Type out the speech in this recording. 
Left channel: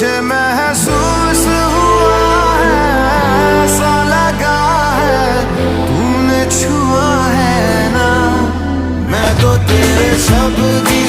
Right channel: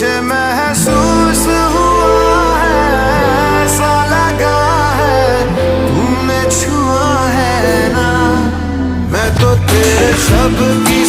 मुझे महसूस हुआ है, ऐसा लगा है तूने छुआ है ना। मैं तो तेरे शब्द की